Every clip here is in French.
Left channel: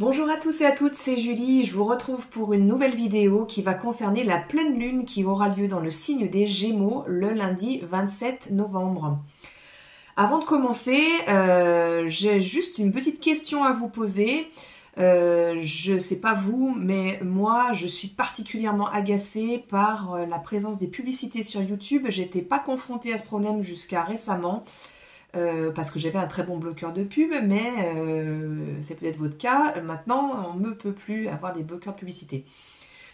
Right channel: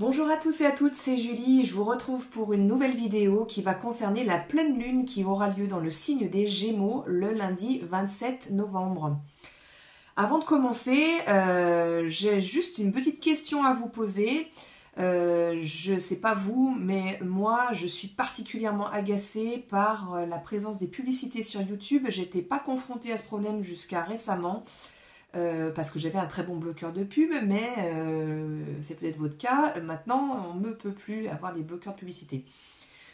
Bonjour à tous et à toutes, c'est Julie, je vous retrouve pour une nouvelle vidéo qui va concerner la pleine lune qui aura lieu dans le signe des Gémeaux le lundi 27 novembre. Avant de commencer, j'ai juste une petite question à vous poser. Je sais pas vous, mais moi je suis particulièrement agacée par la présence des publicités sur YouTube. J'étais pas confrontée à ce problème jusqu'à récemment. Parce que j'avais un très bon bloqueur de pub, mais c'est peut-être votre cas. Maintenant, on ne peut plus avoir des bloqueurs de publicité.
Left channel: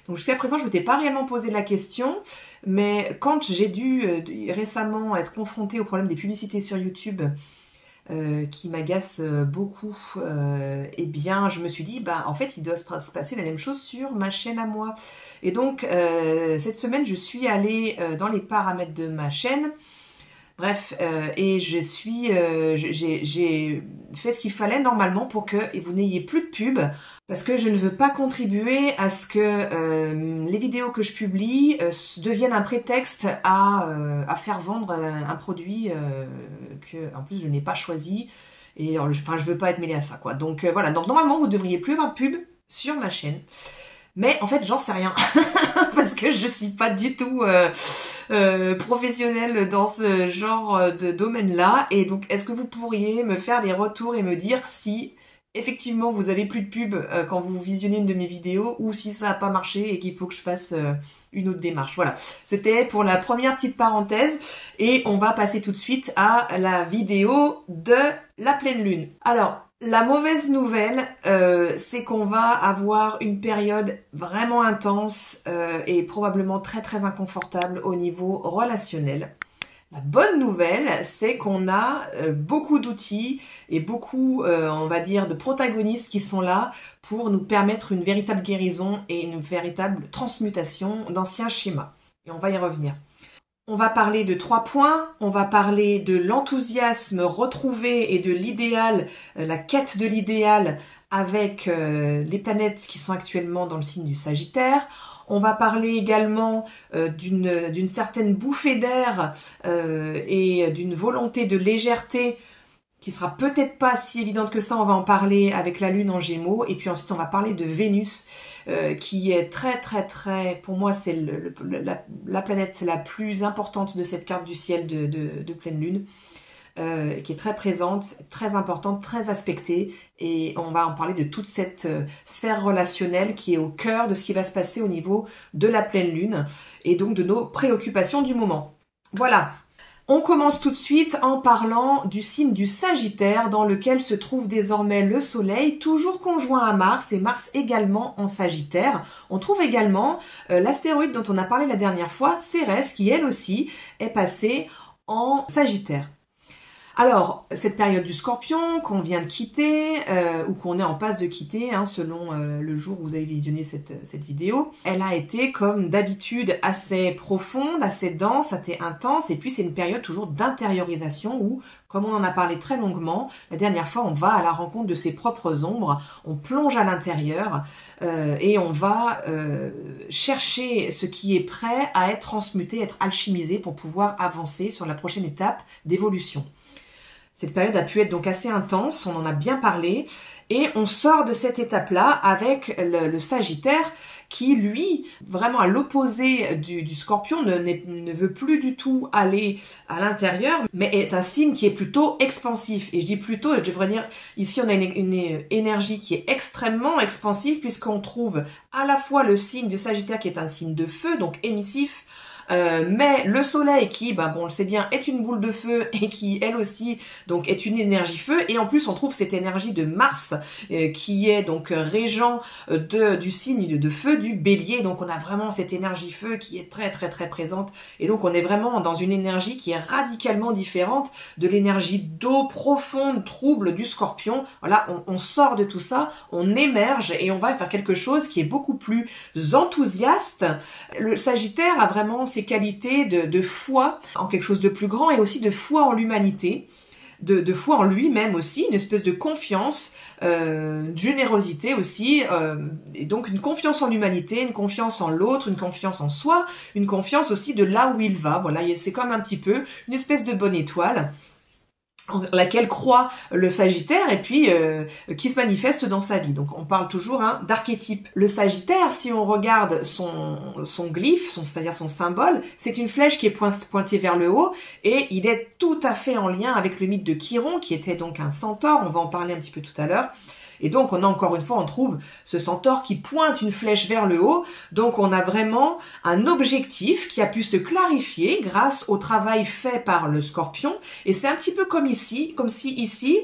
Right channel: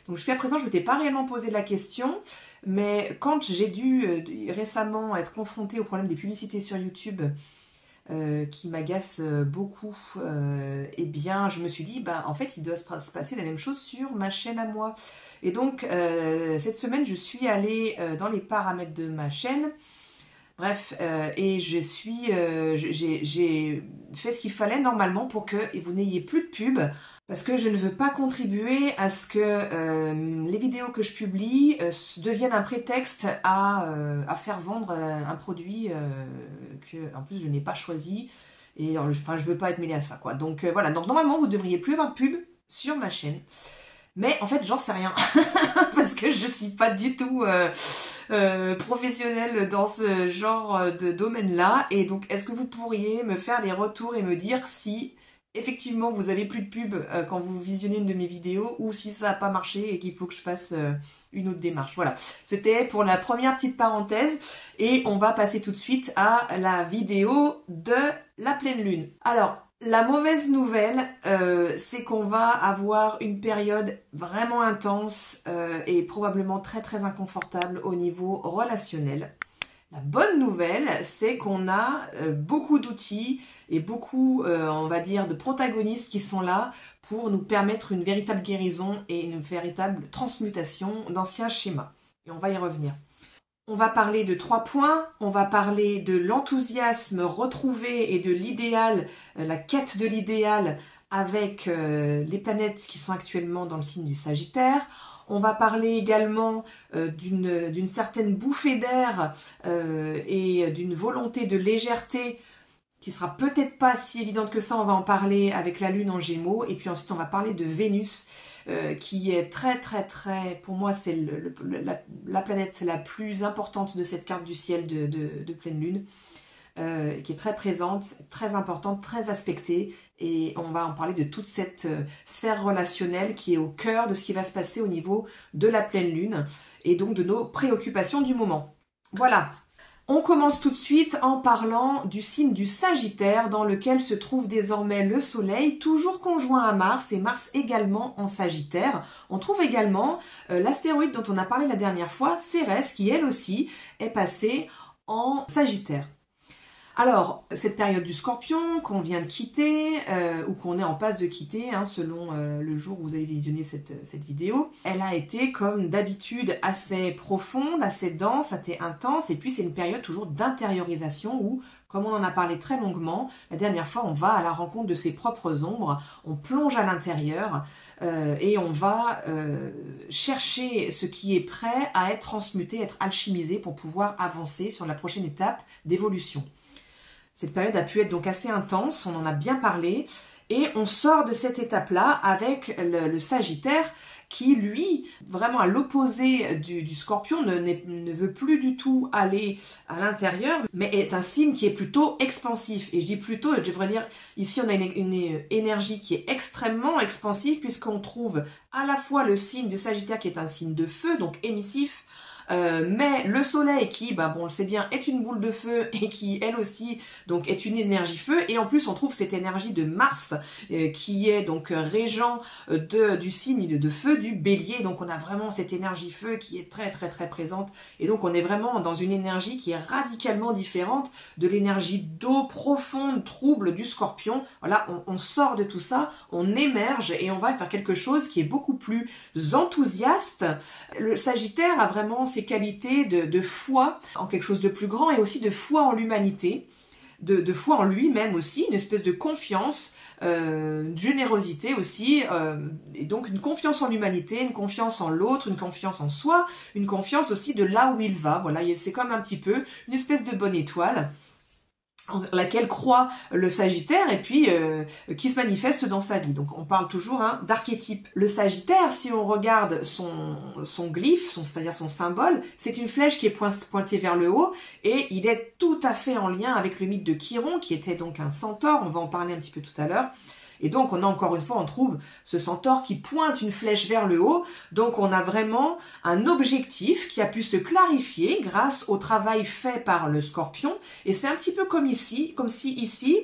Donc jusqu'à présent, je ne m'étais pas réellement posé la question, mais quand j'ai dû récemment être confrontée au problème des publicités sur YouTube, qui m'agacent beaucoup, eh bien, je me suis dit, en fait, il doit se passer la même chose sur ma chaîne à moi. Et donc, cette semaine, je suis allée dans les paramètres de ma chaîne. Bref, et j'ai fait ce qu'il fallait normalement pour que vous n'ayez plus de pub, parce que je ne veux pas contribuer à ce que les vidéos que je publie deviennent un prétexte à faire vendre un produit que en plus je n'ai pas choisi, et enfin je veux pas être mêlée à ça quoi. Donc voilà, donc normalement vous devriez plus avoir de pub sur ma chaîne. Mais en fait, j'en sais rien, parce que je suis pas du tout professionnelle dans ce genre de domaine-là. Et donc, est-ce que vous pourriez me faire des retours et me dire si, effectivement, vous avez plus de pub quand vous visionnez une de mes vidéos, ou si ça n'a pas marché et qu'il faut que je fasse une autre démarche. Voilà, c'était pour la première petite parenthèse. Et on va passer tout de suite à la vidéo de la pleine lune. Alors, la mauvaise nouvelle, c'est qu'on va avoir une période vraiment intense et probablement très très inconfortable au niveau relationnel. La bonne nouvelle, c'est qu'on a beaucoup d'outils et beaucoup, on va dire, de protagonistes qui sont là pour nous permettre une véritable guérison et une véritable transmutation d'anciens schémas. Et on va y revenir. On va parler de 3 points, on va parler de l'enthousiasme retrouvé et de l'idéal, la quête de l'idéal avec les planètes qui sont actuellement dans le signe du Sagittaire. On va parler également d'une certaine bouffée d'air et d'une volonté de légèreté qui sera peut-être pas si évidente que ça, on va en parler avec la Lune en Gémeaux. Et puis ensuite on va parler de Vénus, qui est très, pour moi, c'est la planète la plus importante de cette carte du ciel de pleine lune, qui est très présente, très importante, très aspectée, et on va en parler de toute cette sphère relationnelle qui est au cœur de ce qui va se passer au niveau de la pleine lune, et donc de nos préoccupations du moment. Voilà. On commence tout de suite en parlant du signe du Sagittaire dans lequel se trouve désormais le Soleil, toujours conjoint à Mars et Mars également en Sagittaire. On trouve également l'astéroïde dont on a parlé la dernière fois, Cérès, qui elle aussi est passée en Sagittaire. Alors, cette période du Scorpion qu'on vient de quitter, ou qu'on est en passe de quitter, selon le jour où vous avez visionné cette vidéo, elle a été, comme d'habitude, assez profonde, assez dense, assez intense, et puis c'est une période toujours d'intériorisation où, comme on en a parlé très longuement, la dernière fois, on va à la rencontre de ses propres ombres, on plonge à l'intérieur, et on va chercher ce qui est prêt à être transmuté, être alchimisé pour pouvoir avancer sur la prochaine étape d'évolution. Cette période a pu être donc assez intense, on en a bien parlé, et on sort de cette étape-là avec le Sagittaire qui, lui, vraiment à l'opposé du Scorpion, ne veut plus du tout aller à l'intérieur, mais est un signe qui est plutôt expansif. Et je dis plutôt, je devrais dire, ici on a une énergie qui est extrêmement expansive, puisqu'on trouve à la fois le signe du Sagittaire qui est un signe de feu, donc émissif, mais le soleil qui, on le sait bien, est une boule de feu et qui, elle aussi, donc est une énergie feu. Et en plus, on trouve cette énergie de Mars qui est donc régent du signe de feu du Bélier. Donc on a vraiment cette énergie feu qui est très présente. Et donc on est vraiment dans une énergie qui est radicalement différente de l'énergie d'eau profonde, trouble du Scorpion. Voilà, on sort de tout ça, on émerge et on va faire quelque chose qui est beaucoup plus enthousiaste. Le Sagittaire a vraiment ses qualités de foi en quelque chose de plus grand et aussi de foi en l'humanité, de foi en lui-même aussi, une espèce de confiance, de générosité aussi, et donc une confiance en l'humanité, une confiance en l'autre, une confiance en soi, une confiance aussi de là où il va. Voilà, c'est comme un petit peu une espèce de bonne étoile. en laquelle croit le Sagittaire et puis qui se manifeste dans sa vie. Donc on parle toujours d'archétype. Le Sagittaire, si on regarde son glyphe, c'est-à-dire son symbole, c'est une flèche qui est pointée vers le haut et il est tout à fait en lien avec le mythe de Chiron qui était donc un centaure, on va en parler un petit peu tout à l'heure. Et donc, on a encore une fois, on trouve ce centaure qui pointe une flèche vers le haut. Donc, on a vraiment un objectif qui a pu se clarifier grâce au travail fait par le Scorpion. Et c'est un petit peu comme ici, comme si ici,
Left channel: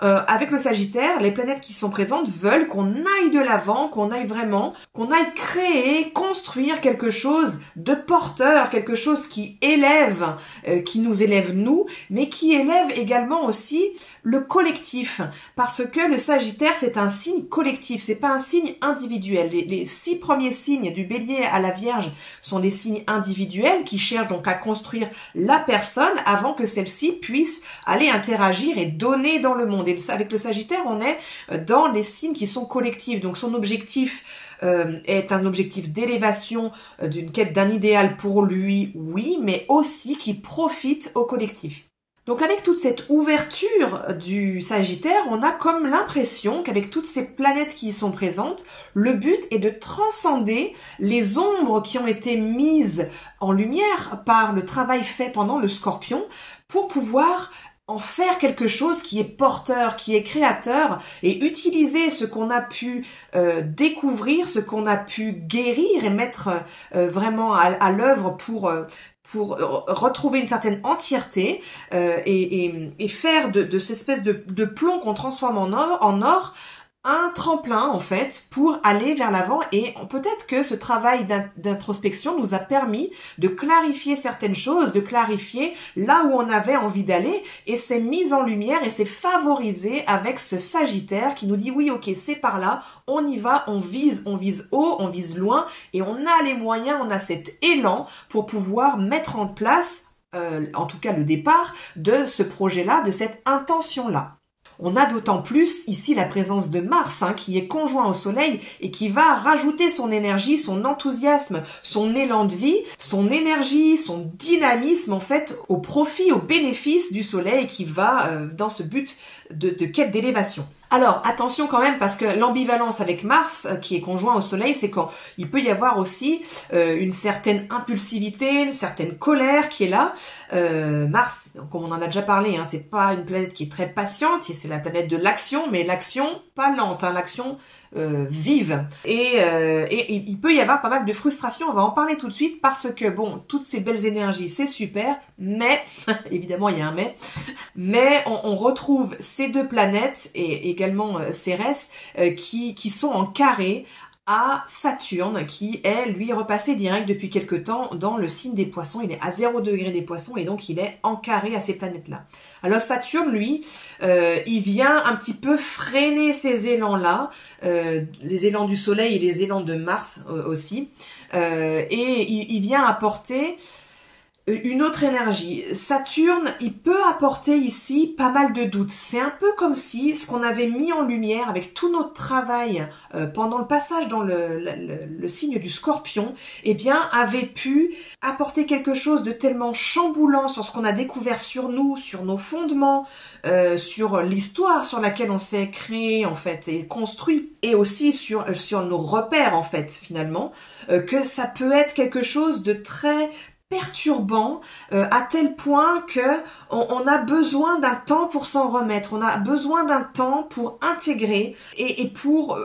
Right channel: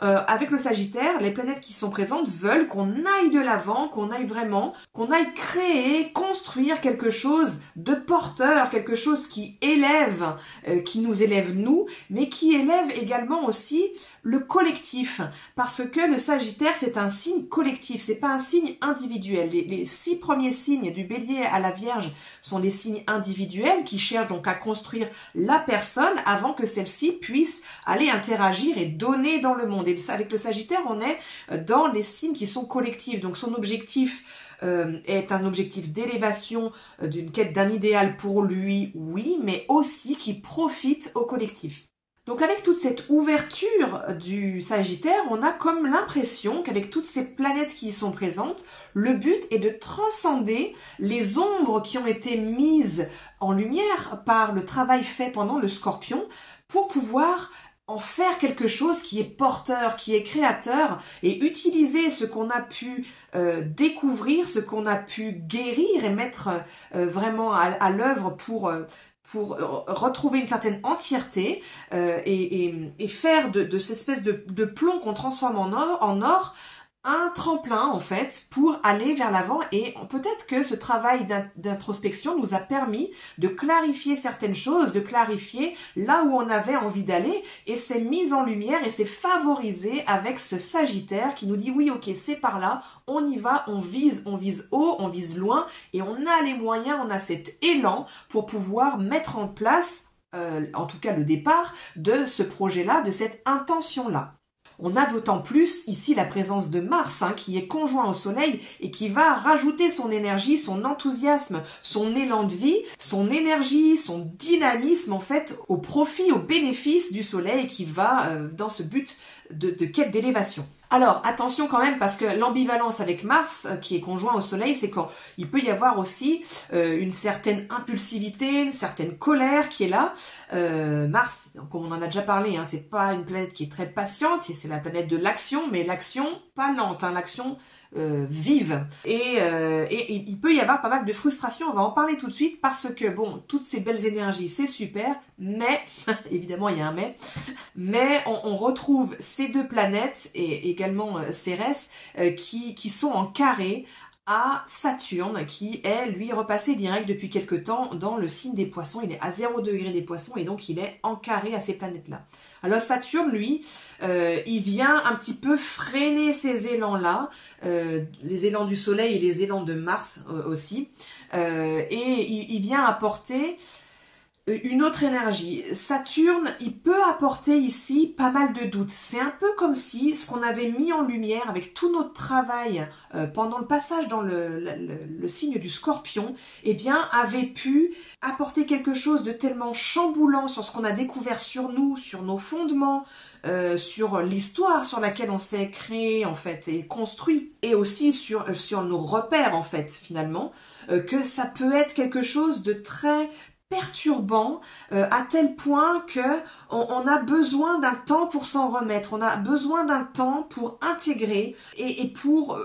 avec le Sagittaire, les planètes qui sont présentes veulent qu'on aille de l'avant, qu'on aille créer, construire quelque chose de porteur, quelque chose qui élève, qui nous élève nous, mais qui élève également aussi le collectif, parce que le Sagittaire, c'est un signe collectif, c'est pas un signe individuel. Les 6 premiers signes du Bélier à la Vierge sont des signes individuels qui cherchent donc à construire la personne avant que celle-ci puisse aller interagir et donner dans le monde. Et avec le Sagittaire, on est dans les signes qui sont collectifs, donc son objectif est un objectif d'élévation, d'une quête d'un idéal pour lui, oui, mais aussi qui profite au collectif. Donc avec toute cette ouverture du Sagittaire, on a comme l'impression qu'avec toutes ces planètes qui y sont présentes, le but est de transcender les ombres qui ont été mises en lumière par le travail fait pendant le Scorpion pour pouvoir en faire quelque chose qui est porteur, qui est créateur et utiliser ce qu'on a pu découvrir, ce qu'on a pu guérir et mettre vraiment à l'œuvre pour retrouver une certaine entièreté et faire de cette espèce de plomb qu'on transforme en or un tremplin en fait pour aller vers l'avant. Et peut-être que ce travail d'introspection nous a permis de clarifier certaines choses, de clarifier là où on avait envie d'aller, et c'est mis en lumière et c'est favorisé avec ce Sagittaire qui nous dit oui, ok, c'est par là, on y va, on vise haut, on vise loin, et on a les moyens, on a cet élan pour pouvoir mettre en place, en tout cas le départ de ce projet-là, de cette intention-là. On a d'autant plus ici la présence de Mars qui est conjoint au Soleil et qui va rajouter son énergie, son enthousiasme, son élan de vie, son énergie, son dynamisme en fait au profit, au bénéfice du Soleil qui va dans ce but de quête d'élévation. Alors attention quand même parce que l'ambivalence avec Mars qui est conjoint au Soleil, c'est qu'il peut y avoir aussi une certaine impulsivité, une certaine colère qui est là. Mars, comme on en a déjà parlé, c'est pas une planète qui est très patiente, c'est la planète de l'action, mais l'action pas lente, l'action vive. Et il peut y avoir pas mal de frustration, on va en parler tout de suite parce que bon, toutes ces belles énergies c'est super, mais évidemment il y a un mais on retrouve ces deux planètes et également Cérès qui sont en carré à Saturne qui est lui repassé direct depuis quelque temps dans le signe des Poissons. Il est à 0 degré des Poissons et donc il est en carré à ces planètes-là. Alors Saturne, lui, il vient un petit peu freiner ces élans-là, les élans du Soleil et les élans de Mars aussi, et il vient apporter une autre énergie. Saturne, il peut apporter ici pas mal de doutes. C'est un peu comme si ce qu'on avait mis en lumière avec tout notre travail pendant le passage dans le signe du Scorpion, eh bien, avait pu apporter quelque chose de tellement chamboulant sur ce qu'on a découvert sur nous, sur nos fondements, sur l'histoire sur laquelle on s'est créé en fait et construit, et aussi sur nos repères en fait finalement, que ça peut être quelque chose de très perturbant à tel point que on a besoin d'un temps pour s'en remettre, on a besoin d'un temps pour intégrer et pour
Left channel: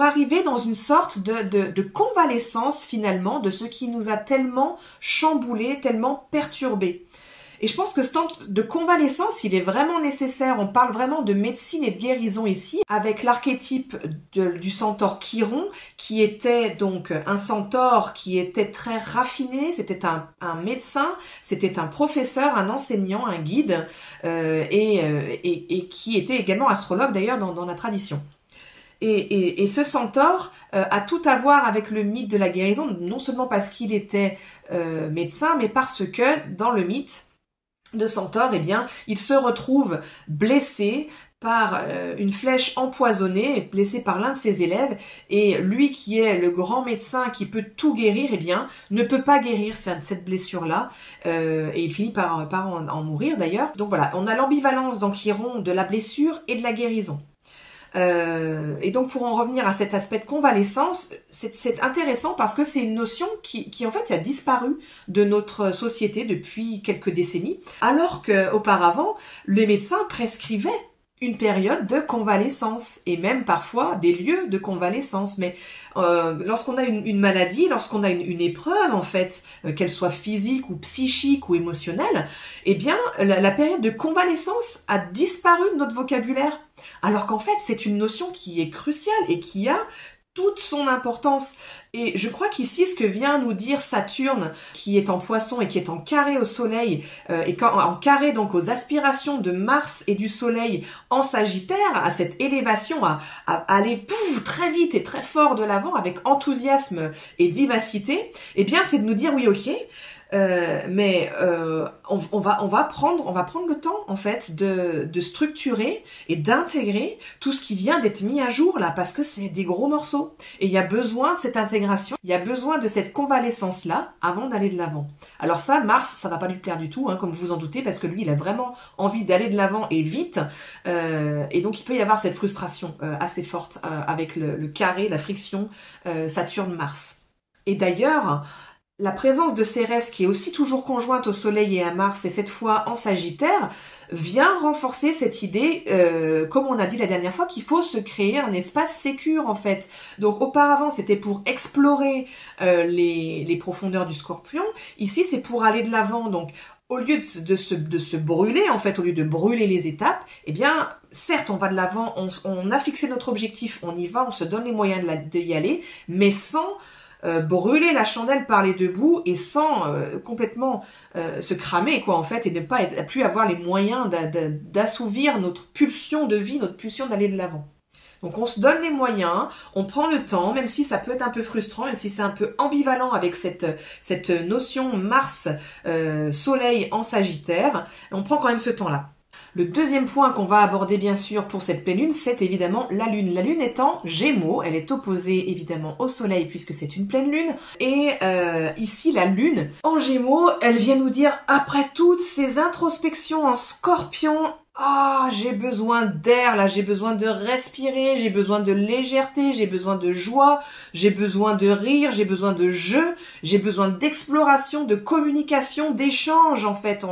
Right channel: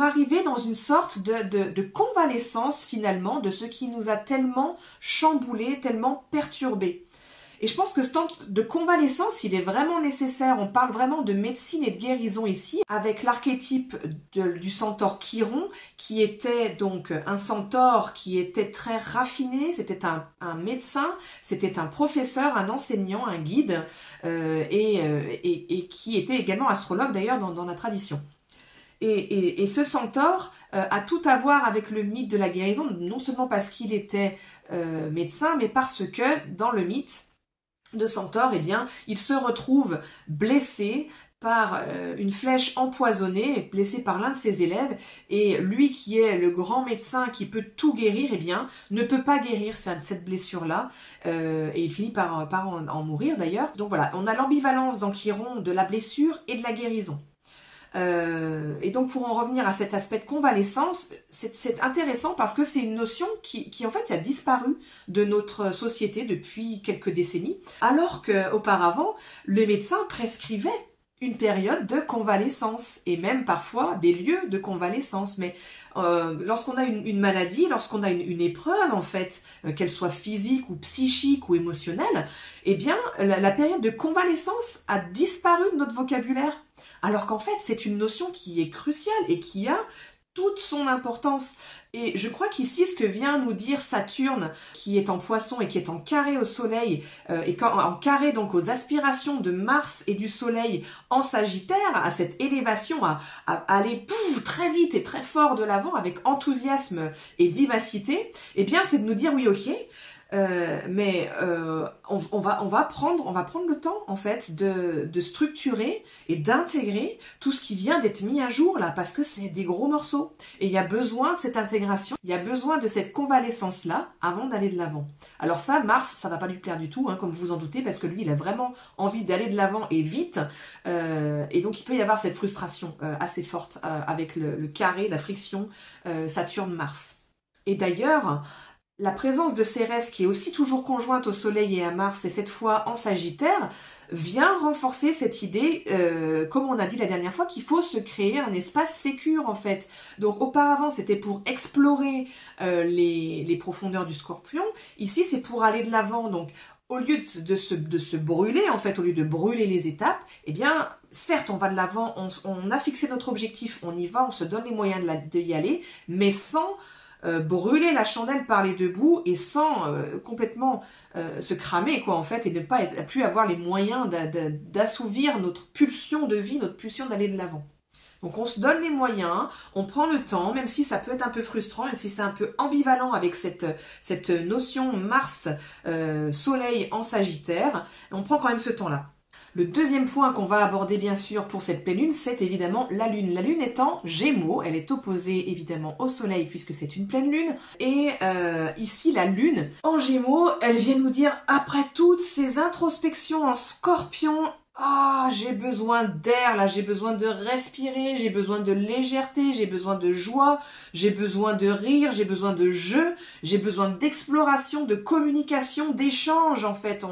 arriver dans une sorte de convalescence finalement de ce qui nous a tellement chamboulé, tellement perturbé. Et je pense que ce temps de convalescence, il est vraiment nécessaire. On parle vraiment de médecine et de guérison ici, avec l'archétype du centaure Chiron, qui était donc un centaure qui était très raffiné, c'était un médecin, c'était un professeur, un enseignant, un guide, et qui était également astrologue d'ailleurs dans la tradition. Et ce centaure a tout à voir avec le mythe de la guérison, non seulement parce qu'il était médecin, mais parce que dans le mythe de centaure, eh bien, il se retrouve blessé par une flèche empoisonnée blessée par l'un de ses élèves, et lui qui est le grand médecin qui peut tout guérir, eh bien ne peut pas guérir cette blessure-là, et il finit par en mourir d'ailleurs. Donc voilà, on a l'ambivalence dans Chiron de la blessure et de la guérison. Et donc pour en revenir à cet aspect de convalescence, c'est intéressant parce que c'est une notion qui en fait a disparu de notre société depuis quelques décennies, alors qu'auparavant les médecins prescrivaient une période de convalescence et même parfois des lieux de convalescence. Mais lorsqu'on a une maladie, lorsqu'on a une épreuve en fait, qu'elle soit physique ou psychique ou émotionnelle, eh bien la période de convalescence a disparu de notre vocabulaire. Alors qu'en fait c'est une notion qui est cruciale et qui a toute son importance. Et je crois qu'ici, ce que vient nous dire Saturne, qui est en Poisson et qui est en carré au Soleil, et en carré donc aux aspirations de Mars et du Soleil en Sagittaire, à cette élévation, à aller très vite et très fort de l'avant avec enthousiasme et vivacité, eh bien c'est de nous dire oui, ok, mais on va prendre le temps en fait de structurer et d'intégrer tout ce qui vient d'être mis à jour là, parce que c'est des gros morceaux et il y a besoin de cette intégration, il y a besoin de cette convalescence là avant d'aller de l'avant. Alors ça, Mars, ça va pas lui plaire du tout, hein, comme vous vous en doutez, parce que lui, il a vraiment envie d'aller de l'avant et vite, et donc il peut y avoir cette frustration assez forte avec le carré, la friction Saturne-Mars. Et d'ailleurs, la présence de Cérès, qui est aussi toujours conjointe au Soleil et à Mars, et cette fois en Sagittaire, vient renforcer cette idée, comme on a dit la dernière fois, qu'il faut se créer un espace sécure en fait. Donc auparavant, c'était pour explorer les profondeurs du Scorpion. Ici, c'est pour aller de l'avant. Donc au lieu de se brûler, en fait, au lieu de brûler les étapes, eh bien, certes, on va de l'avant, on a fixé notre objectif, on y va, on se donne les moyens d'y aller, mais sans brûler la chandelle par les deux bouts et sans complètement se cramer quoi en fait, et ne pas plus avoir les moyens d'assouvir notre pulsion de vie, notre pulsion d'aller de l'avant. Donc on se donne les moyens, on prend le temps, même si ça peut être un peu frustrant, même si c'est un peu ambivalent avec cette notion Mars Soleil en Sagittaire, on prend quand même ce temps-là. Le deuxième point qu'on va aborder bien sûr pour cette pleine lune, c'est évidemment la lune. La lune est en Gémeaux, elle est opposée évidemment au soleil puisque c'est une pleine lune. Et ici la lune en Gémeaux, elle vient nous dire après toutes ces introspections en Scorpion, j'ai besoin d'air là, j'ai besoin de respirer, j'ai besoin de légèreté, j'ai besoin de joie, j'ai besoin de rire, j'ai besoin de jeu, j'ai besoin d'exploration, de communication, d'échange en fait.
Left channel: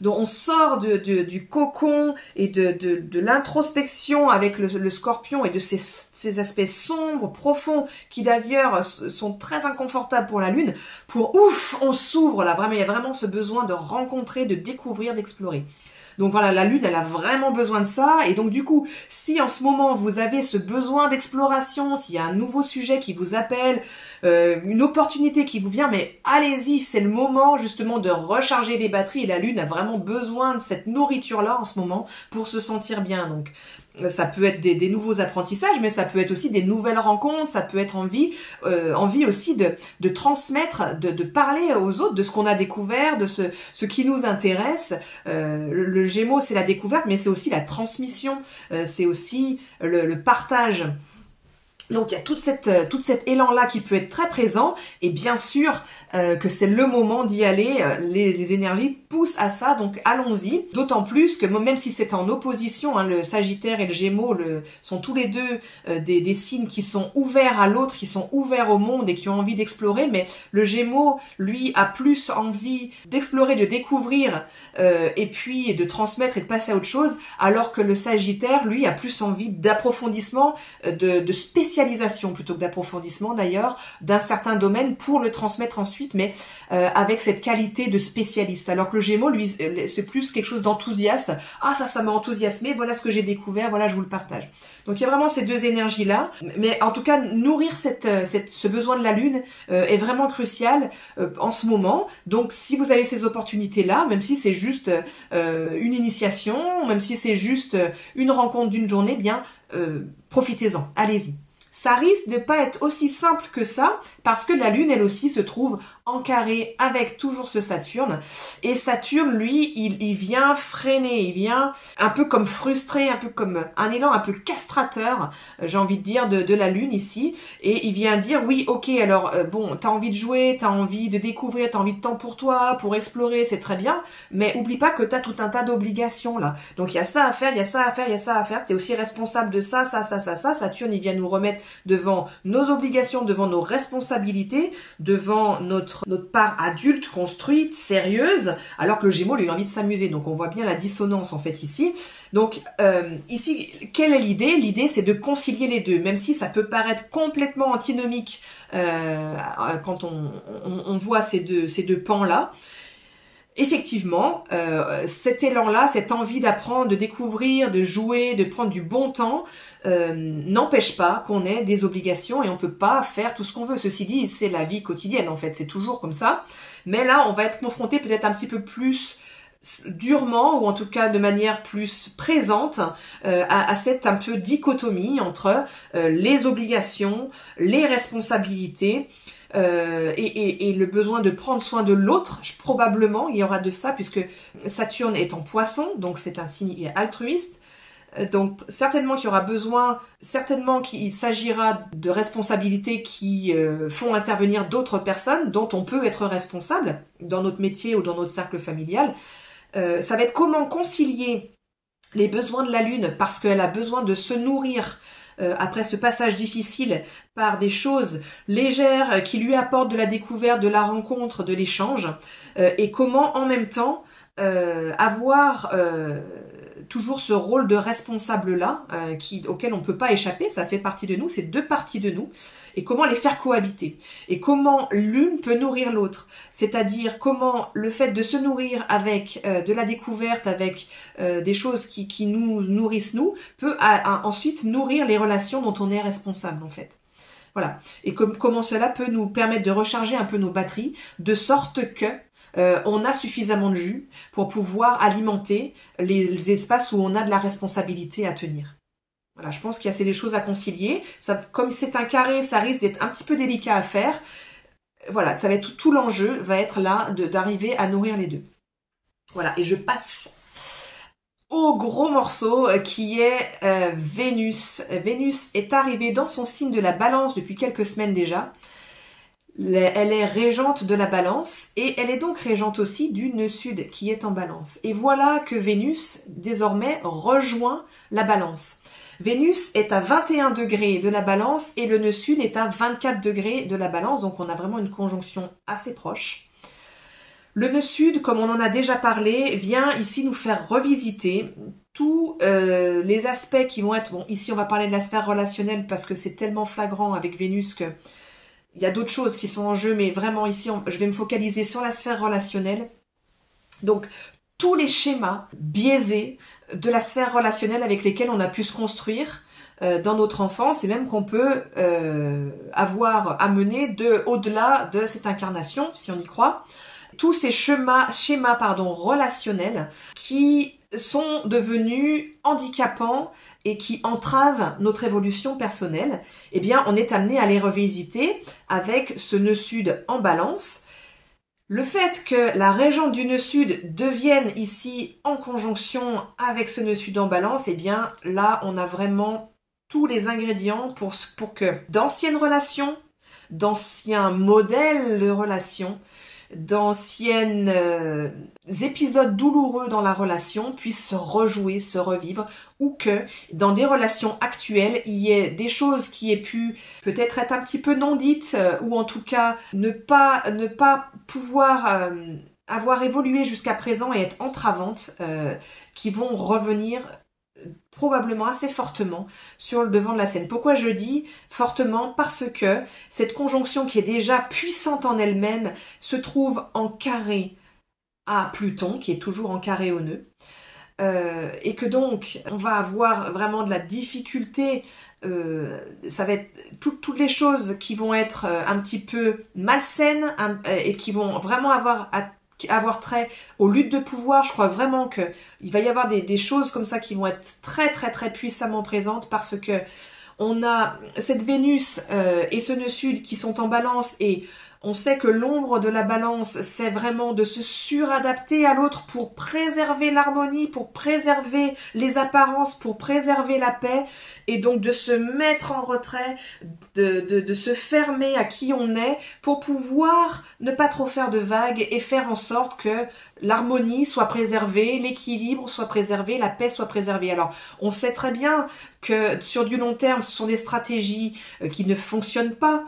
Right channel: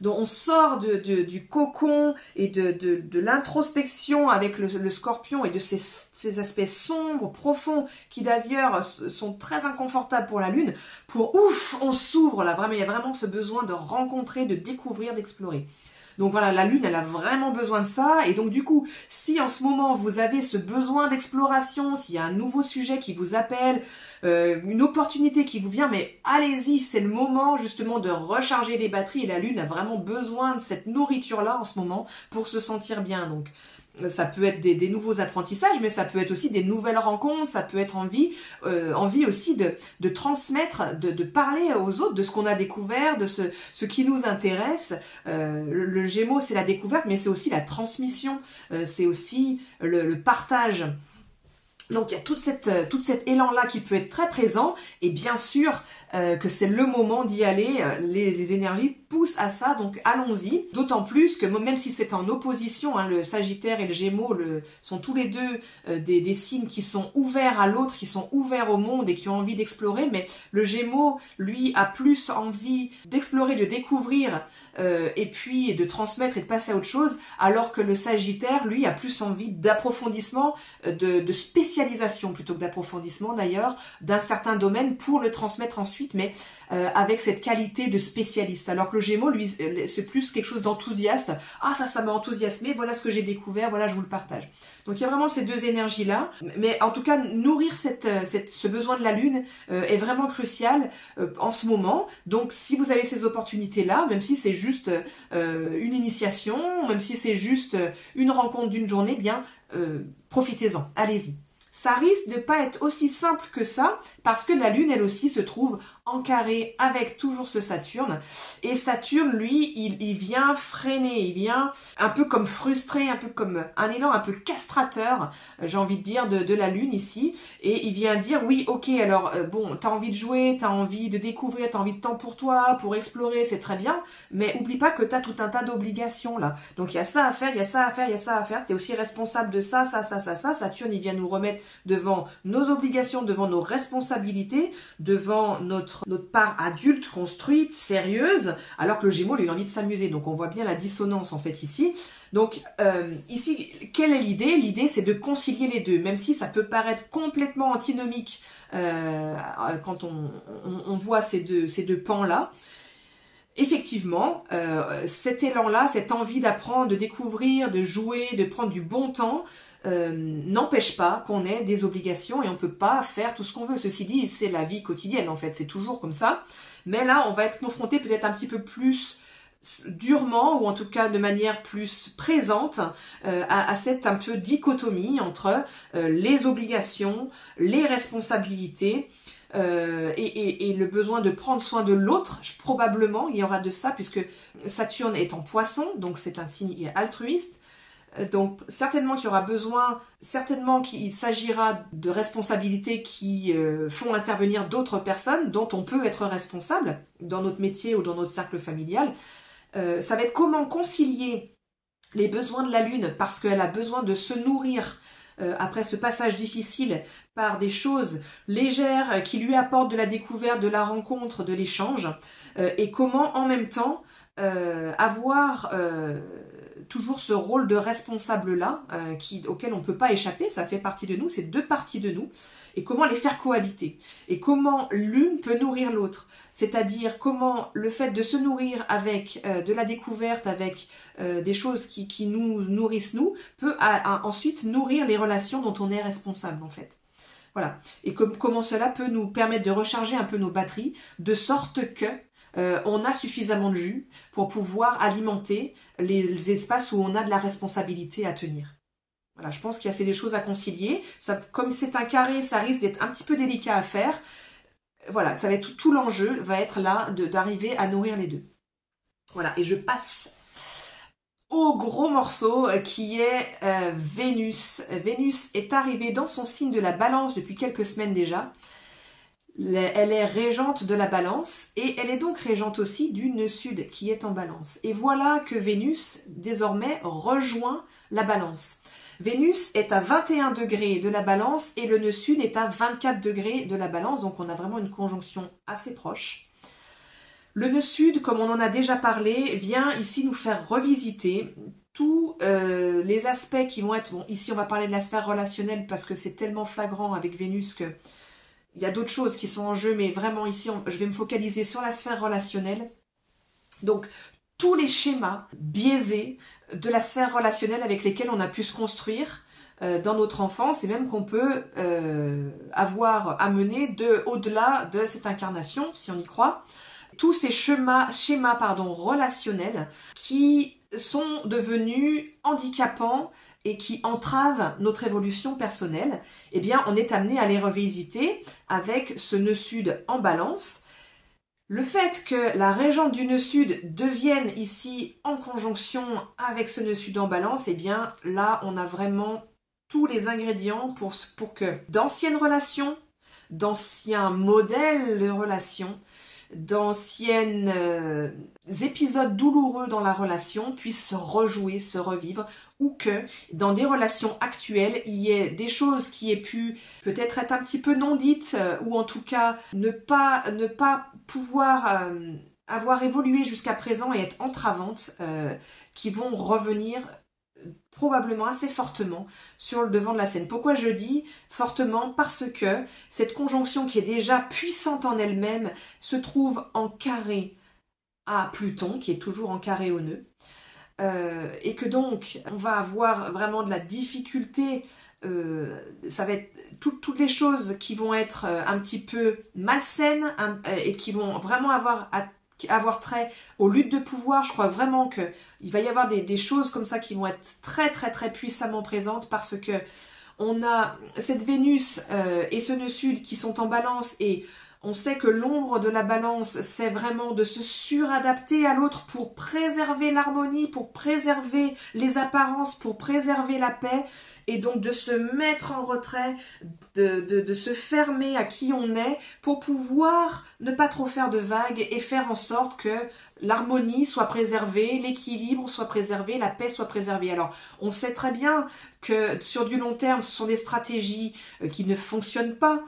Donc on sort du cocon et de l'introspection avec le Scorpion et de ces aspects sombres, profonds, qui d'ailleurs sont très inconfortables pour la Lune, pour on s'ouvre là, vraiment, il y a vraiment ce besoin de rencontrer, de découvrir, d'explorer. Donc voilà, la Lune, elle a vraiment besoin de ça. Et donc du coup, si en ce moment vous avez ce besoin d'exploration, s'il y a un nouveau sujet qui vous appelle, une opportunité qui vous vient, mais allez-y, c'est le moment justement de recharger les batteries. Et la Lune a vraiment besoin de cette nourriture-là en ce moment pour se sentir bien. Donc ça peut être des nouveaux apprentissages, mais ça peut être aussi des nouvelles rencontres, ça peut être envie aussi de transmettre, de parler aux autres de ce qu'on a découvert, de ce qui nous intéresse. Le Gémeaux, c'est la découverte, mais c'est aussi la transmission, c'est aussi le partage. Donc il y a tout cet élan-là qui peut être très présent, et bien sûr que c'est le moment d'y aller, les énergies poussent à ça, donc allons-y. D'autant plus que même si c'est en opposition, hein, le Sagittaire et le Gémeaux sont tous les deux des signes qui sont ouverts à l'autre, qui sont ouverts au monde et qui ont envie d'explorer, mais le Gémeaux, lui, a plus envie d'explorer, de découvrir, et puis de transmettre et de passer à autre chose, alors que le Sagittaire, lui, a plus envie d'approfondissement, de spécialisation plutôt que d'approfondissement d'ailleurs, d'un certain domaine pour le transmettre ensuite, mais avec cette qualité de spécialiste. Alors que le Gémeaux, lui, c'est plus quelque chose d'enthousiaste. Ça m'a enthousiasmé, voilà ce que j'ai découvert, voilà, je vous le partage. Donc il y a vraiment ces deux énergies-là, mais en tout cas, nourrir ce besoin de la Lune est vraiment crucial en ce moment. Donc si vous avez ces opportunités-là, même si c'est juste une initiation, même si c'est juste une rencontre d'une journée, bien profitez-en, allez-y. Ça risque de pas être aussi simple que ça, parce que la Lune, elle aussi, se trouve en carré avec toujours ce Saturne. Et Saturne, lui, il vient freiner, il vient un peu comme frustré, un peu comme un élan un peu castrateur, j'ai envie de dire, de la Lune ici. Et il vient dire, oui, ok, alors bon, t'as envie de jouer, t'as envie de découvrir, t'as envie de temps pour toi, pour explorer, c'est très bien, mais oublie pas que t'as tout un tas d'obligations là. Donc il y a ça à faire, il y a ça à faire, il y a ça à faire, t'es aussi responsable de ça. Saturne, il vient nous remettre devant nos obligations, devant nos responsabilités, devant notre part adulte, construite, sérieuse, alors que le Gémeaux, lui, il a envie de s'amuser. Donc on voit bien la dissonance en fait ici. Donc ici, quelle est l'idée? L'idée, c'est de concilier les deux, même si ça peut paraître complètement antinomique quand on voit ces deux pans-là. Effectivement, cet élan-là, cette envie d'apprendre, de découvrir, de jouer, de prendre du bon temps, n'empêche pas qu'on ait des obligations et on peut pas faire tout ce qu'on veut. Ceci dit, c'est la vie quotidienne en fait, c'est toujours comme ça. Mais là, on va être confronté peut-être un petit peu plus durement, ou en tout cas de manière plus présente, à cette un peu dichotomie entre les obligations, les responsabilités, et le besoin de prendre soin de l'autre. Probablement il y aura de ça puisque Saturne est en Poisson, donc c'est un signe altruiste. Donc certainement qu'il y aura besoin, certainement qu'il s'agira de responsabilités qui font intervenir d'autres personnes dont on peut être responsable dans notre métier ou dans notre cercle familial. Ça va être comment concilier les besoins de la Lune parce qu'elle a besoin de se nourrir après ce passage difficile par des choses légères qui lui apportent de la découverte, de la rencontre, de l'échange, et comment en même temps avoir toujours ce rôle de responsable-là auquel on ne peut pas échapper, ça fait partie de nous, c'est deux parties de nous, et comment les faire cohabiter, et comment l'une peut nourrir l'autre, c'est-à-dire comment le fait de se nourrir avec de la découverte, avec des choses qui nous nourrissent nous, peut ensuite nourrir les relations dont on est responsable en fait. Voilà, et comment cela peut nous permettre de recharger un peu nos batteries, de sorte que on a suffisamment de jus pour pouvoir alimenter les espaces où on a de la responsabilité à tenir. Voilà, je pense qu'il y a assez des choses à concilier. Ça, comme c'est un carré, ça risque d'être un petit peu délicat à faire. Voilà, ça va être tout l'enjeu va être là d'arriver à nourrir les deux. Voilà, et je passe au gros morceau qui est Vénus. Vénus est arrivée dans son signe de la Balance depuis quelques semaines déjà. Elle est régente de la Balance et elle est donc régente aussi du nœud sud qui est en Balance. Et voilà que Vénus désormais rejoint la Balance. Vénus est à 21 degrés de la Balance et le nœud sud est à 24 degrés de la Balance, donc on a vraiment une conjonction assez proche. Le nœud sud, comme on en a déjà parlé, vient ici nous faire revisiter tous les aspects qui vont être... Bon, ici on va parler de la sphère relationnelle parce que c'est tellement flagrant avec Vénus que il y a d'autres choses qui sont en jeu, mais vraiment ici, je vais me focaliser sur la sphère relationnelle. Donc, tous les schémas biaisés de la sphère relationnelle avec lesquels on a pu se construire dans notre enfance et même qu'on peut avoir amené au-delà de cette incarnation, si on y croit. Tous ces schémas relationnels qui sont devenus handicapants et qui entravent notre évolution personnelle, eh bien, on est amené à les revisiter avec ce nœud sud en Balance. Le fait que la régente du nœud sud devienne ici en conjonction avec ce nœud sud en Balance, eh bien, là, on a vraiment tous les ingrédients pour que d'anciennes relations, d'anciens modèles de relations, d'anciennes épisodes douloureux dans la relation puissent se rejouer, se revivre, ou que dans des relations actuelles, il y ait des choses qui aient pu peut-être être un petit peu non dites, ou en tout cas ne pas pouvoir avoir évolué jusqu'à présent et être entravantes, qui vont revenir probablement assez fortement sur le devant de la scène. Pourquoi je dis fortement? Parce que cette conjonction qui est déjà puissante en elle-même se trouve en carré à Pluton, qui est toujours en carré au nœud, et que donc on va avoir vraiment de la difficulté, ça va être toutes les choses qui vont être un petit peu malsaines et qui vont vraiment avoir trait aux luttes de pouvoir. Je crois vraiment qu'il va y avoir des choses comme ça qui vont être très très très puissamment présentes parce que on a cette Vénus et ce nœud sud qui sont en Balance et On sait que l'ombre de la balance, c'est vraiment de se suradapter à l'autre pour préserver l'harmonie, pour préserver les apparences, pour préserver la paix, et donc de se mettre en retrait, de se fermer à qui on est pour pouvoir ne pas trop faire de vagues et faire en sorte que l'harmonie soit préservée, l'équilibre soit préservé, la paix soit préservée. Alors, on sait très bien que sur du long terme, ce sont des stratégies qui ne fonctionnent pas,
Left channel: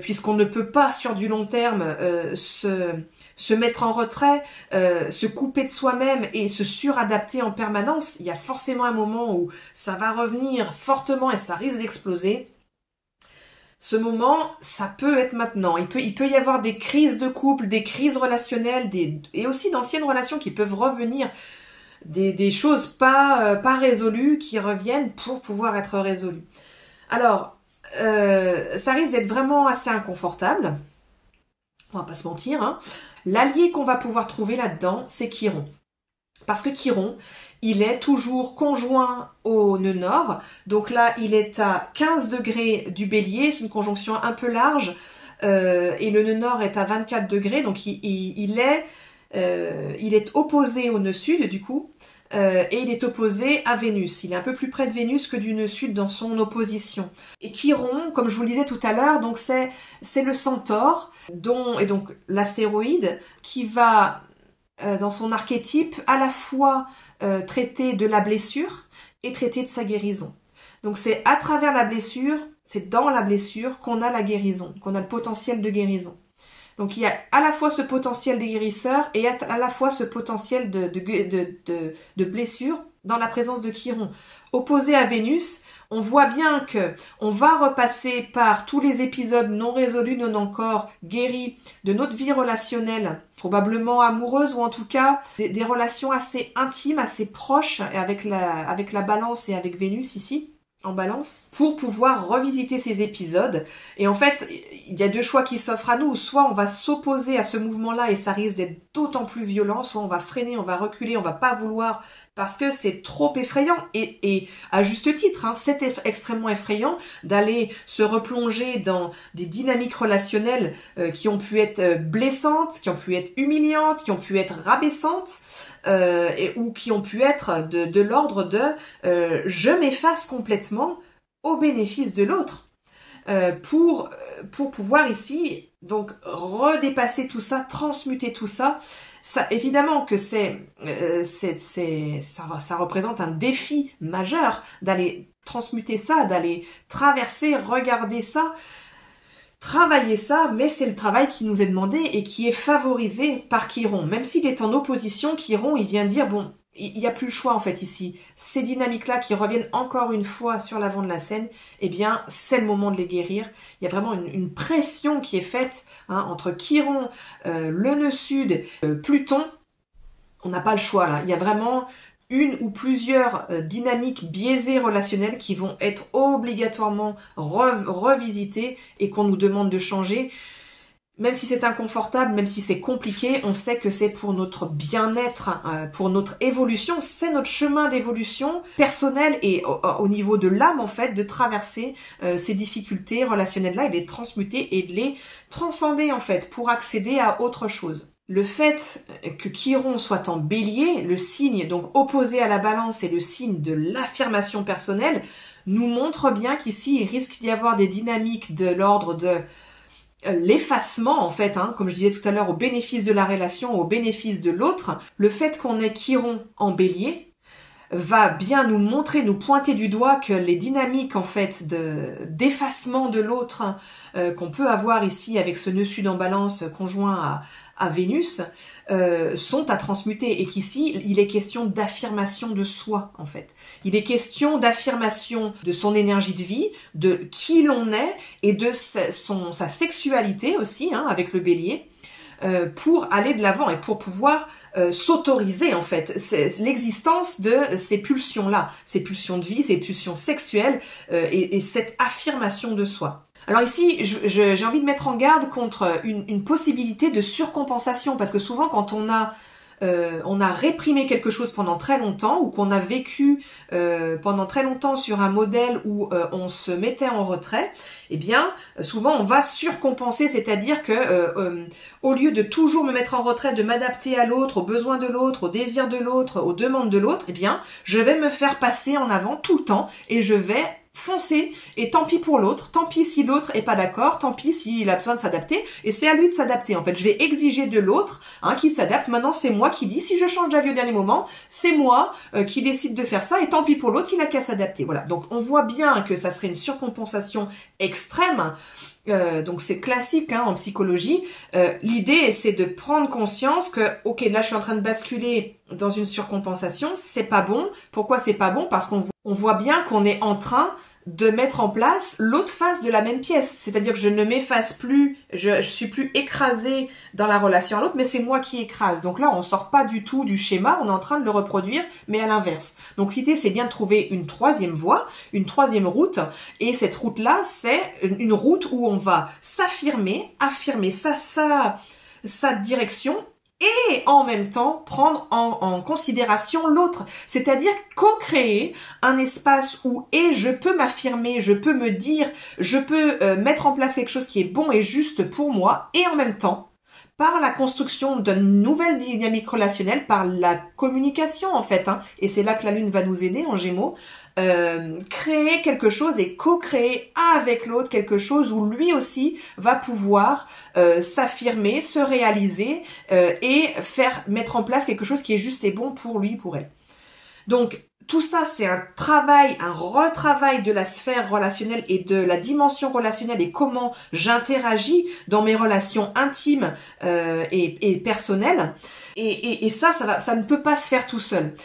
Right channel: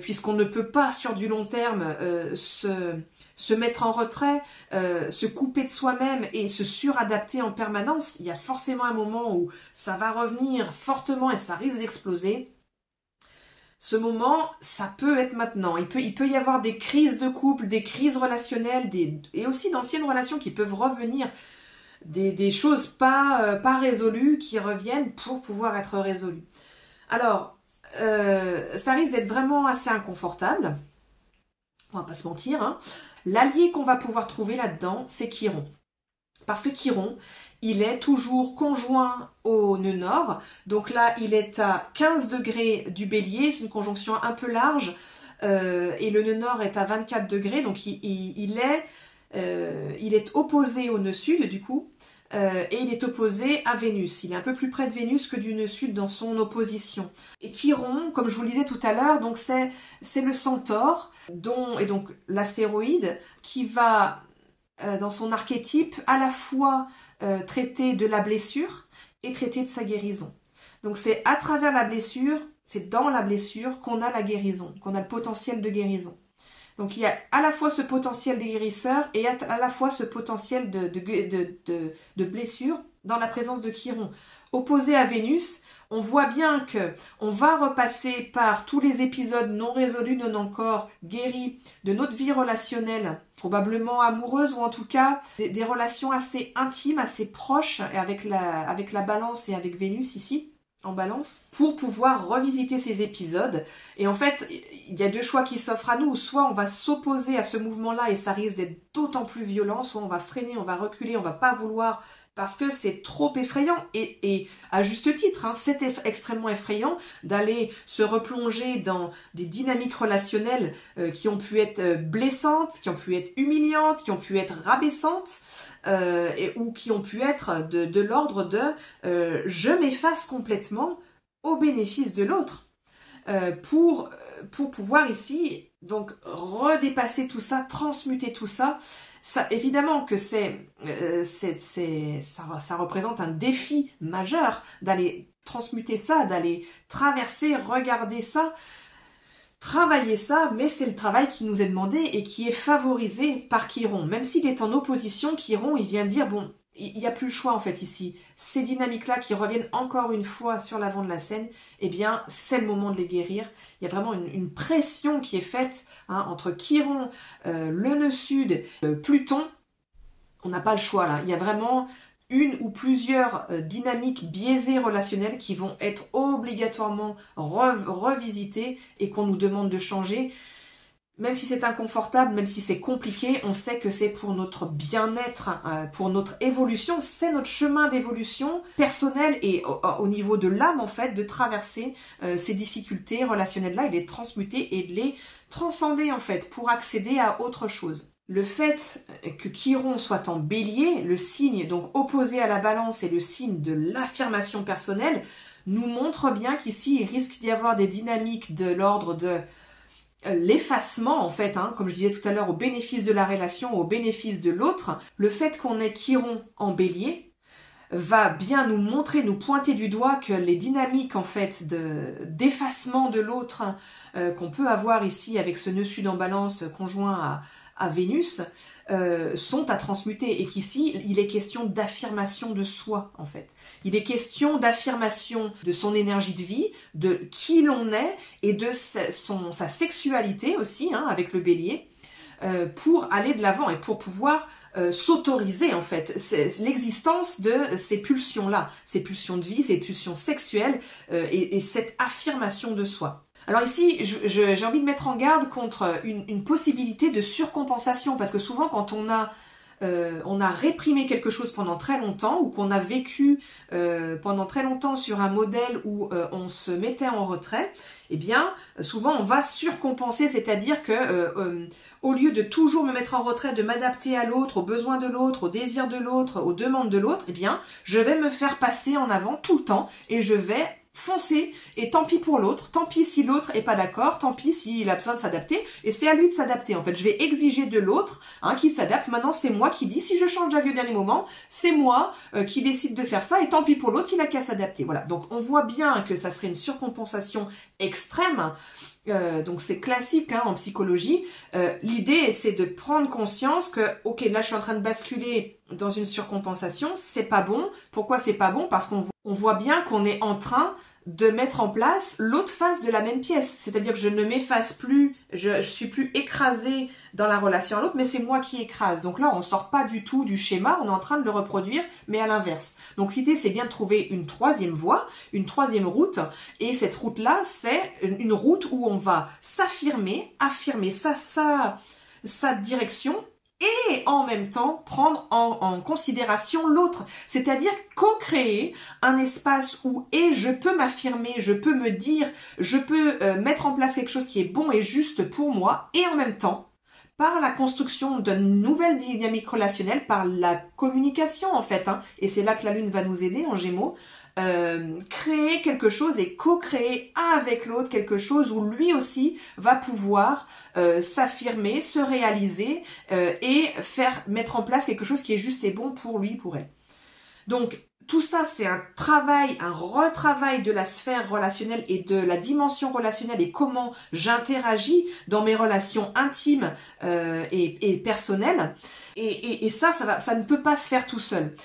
puisqu'on ne peut pas sur du long terme se mettre en retrait, se couper de soi-même et se suradapter en permanence. Il y a forcément un moment où ça va revenir fortement et ça risque d'exploser. Ce moment, ça peut être maintenant. Il peut y avoir des crises de couple, des crises relationnelles, et aussi d'anciennes relations qui peuvent revenir, des choses pas résolues qui reviennent pour pouvoir être résolues. Alors, ça risque d'être vraiment assez inconfortable. On va pas se mentir, hein. L'allié qu'on va pouvoir trouver là-dedans, c'est Chiron. Parce que Chiron, il est toujours conjoint au nœud nord. Donc là, il est à 15 degrés du bélier. C'est une conjonction un peu large. Et le nœud nord est à 24 degrés. Donc il est opposé au nœud sud, du coup. Et il est opposé à Vénus. Il est un peu plus près de Vénus que du nœud sud dans son opposition. Et Chiron, comme je vous le disais tout à l'heure, donc c'est le centaure, et donc l'astéroïde, qui va, dans son archétype, à la fois traiter de la blessure et traiter de sa guérison. Donc c'est à travers la blessure, c'est dans la blessure qu'on a la guérison, qu'on a le potentiel de guérison. Donc il y a à la fois ce potentiel des guérisseurs et à la fois ce potentiel de blessure dans la présence de Chiron. Opposé à Vénus, on voit bien que on va repasser par tous les épisodes non résolus, non encore guéris de notre vie relationnelle, probablement amoureuse ou en tout cas des relations assez intimes, assez proches avec la balance et avec Vénus ici, en balance, pour pouvoir revisiter ces épisodes. Et en fait, il y a deux choix qui s'offrent à nous. Soit on va s'opposer à ce mouvement-là et ça risque d'être d'autant plus violent, soit on va freiner, on va reculer, on va pas vouloir parce que c'est trop effrayant. Et à juste titre, hein, c'est extrêmement effrayant d'aller se replonger dans des dynamiques relationnelles qui ont pu être blessantes, qui ont pu être humiliantes, qui ont pu être rabaissantes, ou qui ont pu être de l'ordre de je m'efface complètement au bénéfice de l'autre, pour pouvoir ici donc redépasser tout ça, transmuter tout ça. Ça, évidemment que ça représente un défi majeur d'aller transmuter ça, d'aller traverser, regarder ça, travailler ça, mais c'est le travail qui nous est demandé et qui est favorisé par Chiron. Même s'il est en opposition, Chiron, il vient dire, bon, il n'y a plus le choix en fait ici. Ces dynamiques-là qui reviennent encore une fois sur l'avant de la scène, eh bien, c'est le moment de les guérir. Il y a vraiment une pression qui est faite entre Chiron, le nœud sud, Pluton. On n'a pas le choix là. Il y a vraiment une ou plusieurs dynamiques biaisées relationnelles qui vont être obligatoirement revisitées et qu'on nous demande de changer. Même si c'est inconfortable, même si c'est compliqué, on sait que c'est pour notre bien-être, pour notre évolution, c'est notre chemin d'évolution personnelle et au niveau de l'âme en fait, de traverser ces difficultés relationnelles-là et de les transmuter et de les transcender en fait pour accéder à autre chose. Le fait que Chiron soit en bélier, le signe donc opposé à la balance et le signe de l'affirmation personnelle, nous montre bien qu'ici il risque d'y avoir des dynamiques de l'ordre de l'effacement en fait, comme je disais tout à l'heure, au bénéfice de la relation, au bénéfice de l'autre. Le fait qu'on ait Chiron en bélier va bien nous montrer, nous pointer du doigt que les dynamiques en fait d'effacement de l'autre qu'on peut avoir ici avec ce nœud sud en balance conjoint à Vénus sont à transmuter et qu'ici il est question d'affirmation de soi en fait. Il est question d'affirmation de son énergie de vie, de qui l'on est et de sa sexualité aussi avec le bélier pour aller de l'avant et pour pouvoir s'autoriser en fait l'existence de ces pulsions-là, ces pulsions de vie, ces pulsions sexuelles et cette affirmation de soi. Alors ici, j'ai envie de mettre en garde contre une possibilité de surcompensation, parce que souvent quand on a on a réprimé quelque chose pendant très longtemps ou qu'on a vécu pendant très longtemps sur un modèle où on se mettait en retrait, eh bien, souvent on va surcompenser, c'est-à-dire que au lieu de toujours me mettre en retrait, de m'adapter à l'autre, aux besoins de l'autre, aux désirs de l'autre, aux demandes de l'autre, eh bien, je vais me faire passer en avant tout le temps et je vais foncer, et tant pis pour l'autre, tant pis si l'autre est pas d'accord, tant pis s'il a besoin de s'adapter, et c'est à lui de s'adapter. En fait, je vais exiger de l'autre qui s'adapte. Maintenant, c'est moi qui dis, si je change d'avis au dernier moment, c'est moi qui décide de faire ça, et tant pis pour l'autre, il a qu'à s'adapter. Voilà, donc on voit bien que ça serait une surcompensation extrême. Donc c'est classique en psychologie. L'idée, c'est de prendre conscience que, ok, là je suis en train de basculer dans une surcompensation, c'est pas bon. Pourquoi c'est pas bon? Parce qu'on voit bien qu'on est en train de mettre en place l'autre face de la même pièce. C'est-à-dire que je ne m'efface plus, je suis plus écrasée dans la relation à l'autre, mais c'est moi qui écrase. Donc là, on sort pas du tout du schéma, on est en train de le reproduire, mais à l'inverse. Donc l'idée, c'est bien de trouver une troisième voie, une troisième route, et cette route-là, c'est une route où on va s'affirmer, affirmer sa direction, et en même temps prendre en considération l'autre, c'est-à-dire co-créer un espace où je peux m'affirmer, je peux me dire, je peux mettre en place quelque chose qui est bon et juste pour moi, et en même temps, par la construction d'une nouvelle dynamique relationnelle, par la communication en fait, et c'est là que la Lune va nous aider en Gémeaux, créer quelque chose et co-créer avec l'autre quelque chose où lui aussi va pouvoir s'affirmer, se réaliser et mettre en place quelque chose qui est juste et bon pour lui, pour elle. Donc tout ça, c'est un retravail de la sphère relationnelle et de la dimension relationnelle et comment j'interagis dans mes relations intimes et personnelles. Et ça ne peut pas se faire tout seul.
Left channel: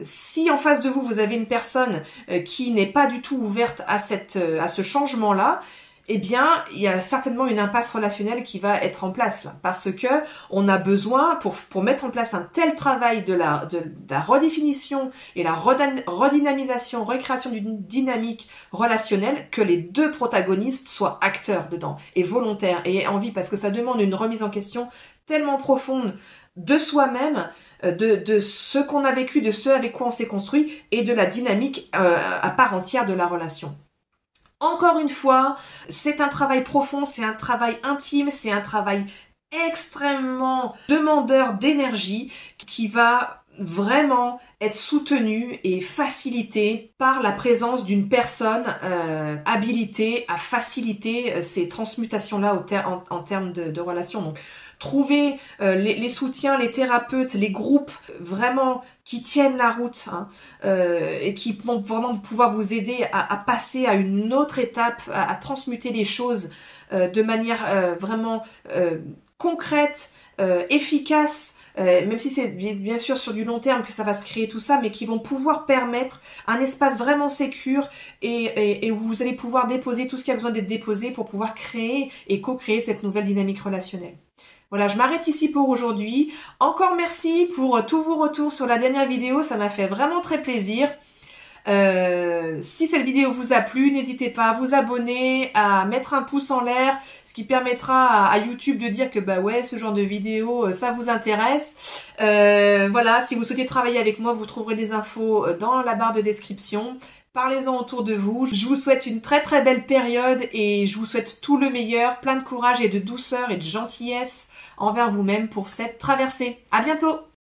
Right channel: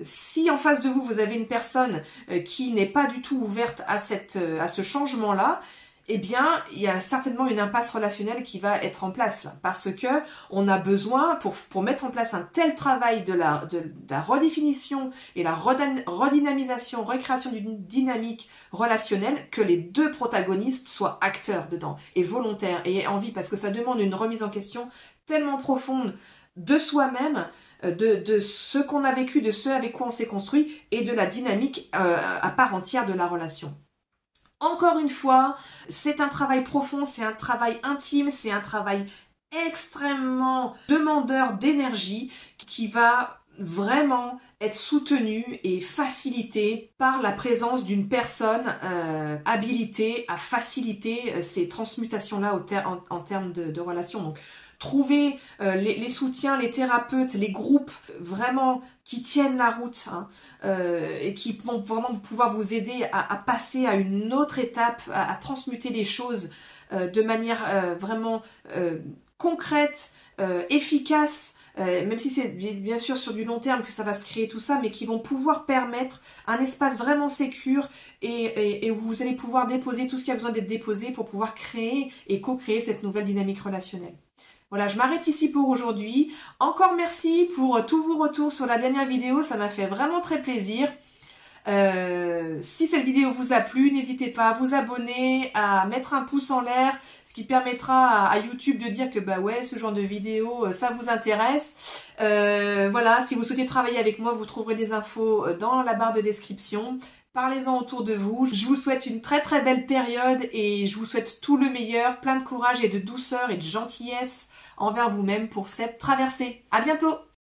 Si en face de vous, vous avez une personne qui n'est pas du tout ouverte à ce changement-là, eh bien, il y a certainement une impasse relationnelle qui va être en place parce que on a besoin pour mettre en place un tel travail de la redéfinition et la redynamisation, recréation d'une dynamique relationnelle que les deux protagonistes soient acteurs dedans et volontaires et aient envie, parce que ça demande une remise en question tellement profonde de soi-même, de ce qu'on a vécu, de ce avec quoi on s'est construit et de la dynamique à part entière de la relation. Encore une fois, c'est un travail profond, c'est un travail intime, c'est un travail extrêmement demandeur d'énergie qui va vraiment être soutenu et facilité par la présence d'une personne habilitée à faciliter ces transmutations-là en termes de relations. Donc, trouver les soutiens, les thérapeutes, les groupes vraiment qui tiennent la route et qui vont vraiment pouvoir vous aider à passer à une autre étape, à transmuter les choses de manière vraiment concrète, efficace, même si c'est bien sûr sur du long terme que ça va se créer tout ça, mais qui vont pouvoir permettre un espace vraiment sécure et où vous allez pouvoir déposer tout ce qui a besoin d'être déposé pour pouvoir créer et co-créer cette nouvelle dynamique relationnelle. Voilà, je m'arrête ici pour aujourd'hui. Encore merci pour tous vos retours sur la dernière vidéo, ça m'a fait vraiment très plaisir. Si cette vidéo vous a plu, n'hésitez pas à vous abonner, à mettre un pouce en l'air, ce qui permettra à YouTube de dire que bah ouais, ce genre de vidéo, ça vous intéresse. Voilà, si vous souhaitez travailler avec moi, vous trouverez des infos dans la barre de description. Parlez-en autour de vous. Je vous souhaite une très très belle période et je vous souhaite tout le meilleur, plein de courage et de douceur et de gentillesse envers vous-même pour cette traversée. À bientôt!